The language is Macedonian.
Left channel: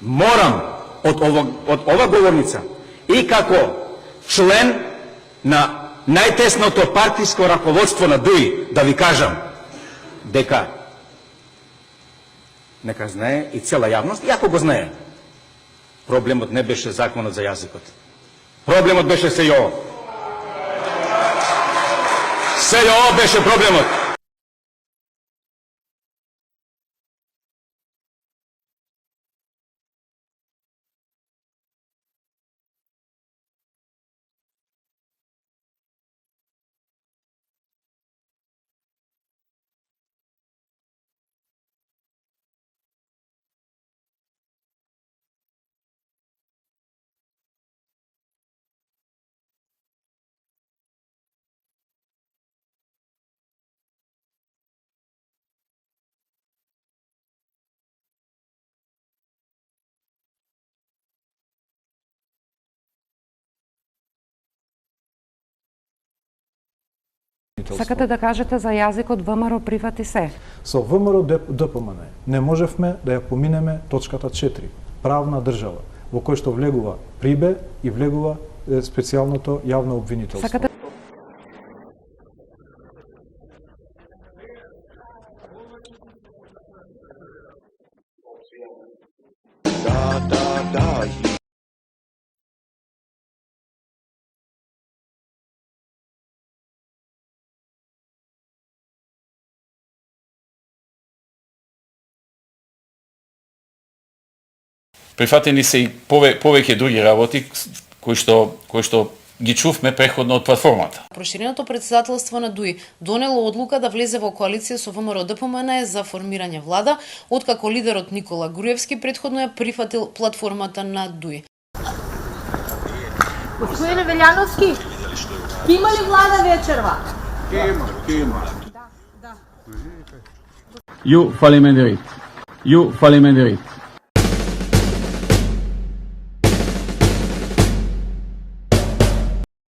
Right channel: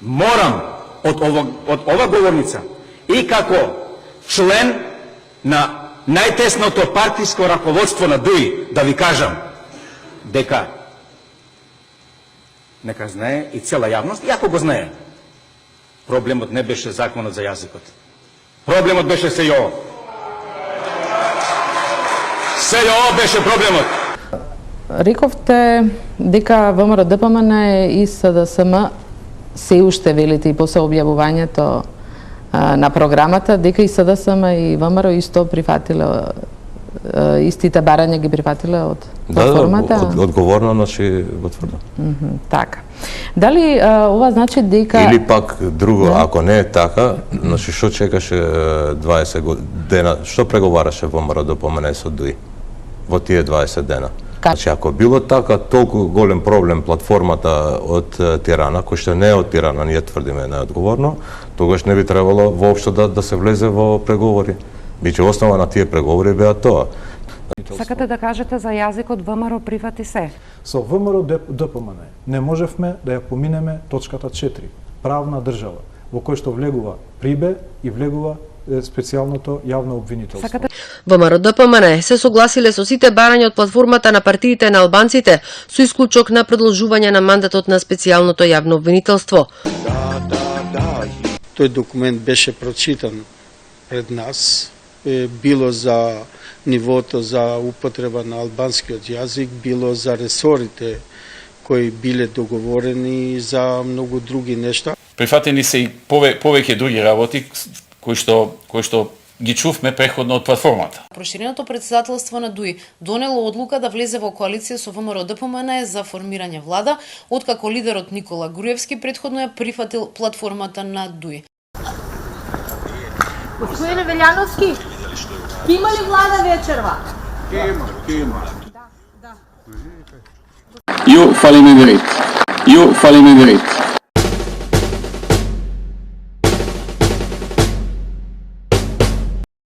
Морам од ова говорница и како член на најтесното партиско раководство на ДУИ да ви кажам дека нека знае и цела јавност, и ако го знае, проблемот не беше законот за јазикот. Проблемот беше се и ово. Се и ово беше проблемот. Рековте дека ВМРО ДПМН и СДСМ се уште велите и после објавувањето на програмата, дека и СДСМ и ВМРО исто прифатиле истите барања ги прифатиле од платформата? Да, одговорно, значи го тврдам. Така. Дали ова значи дека... Или пак друго, ако не е така, значи што чекаше 20 дена, што преговараше ВМРО ДПМН со ДУИ во тие 20 дена? Значи, ако било така толку голем проблем платформата од Тирана, кој што не е од Тирана, ние тврдиме неодговорно, тогаш не би требало воопшто да се влезе во преговори. Биче основа на тие преговори беа тоа. Сакате да кажете за јазикот ВМРО прифати се? Со ВМРО ДПМН не можевме да ја поминеме точката 4, правна држава, во кој што влегува прибе и влегува специјалното јавно обвинителство. ВМРО ДПМН се согласиле со сите барања од платформата на партиите на албанците, со исклучок на продолжување на мандатот на специјалното јавно обвинителство. Да. Тој документ беше прочитан пред нас, било за нивото за употреба на албанскиот јазик, било за ресорите кои биле договорени за многу други нешта. Прифатени се и повеќе други работи кои што ги чувме преходно од платформата. Проширеното председателство на ДУИ донело одлука да влезе во коалиција со ВМРО ДПМН за формирање влада, откако лидерот Никола Груевски претходно ја прифатил платформата на ДУИ. Господине Велјановски, има ли влада вечерва? Има. Ju fali me drejt.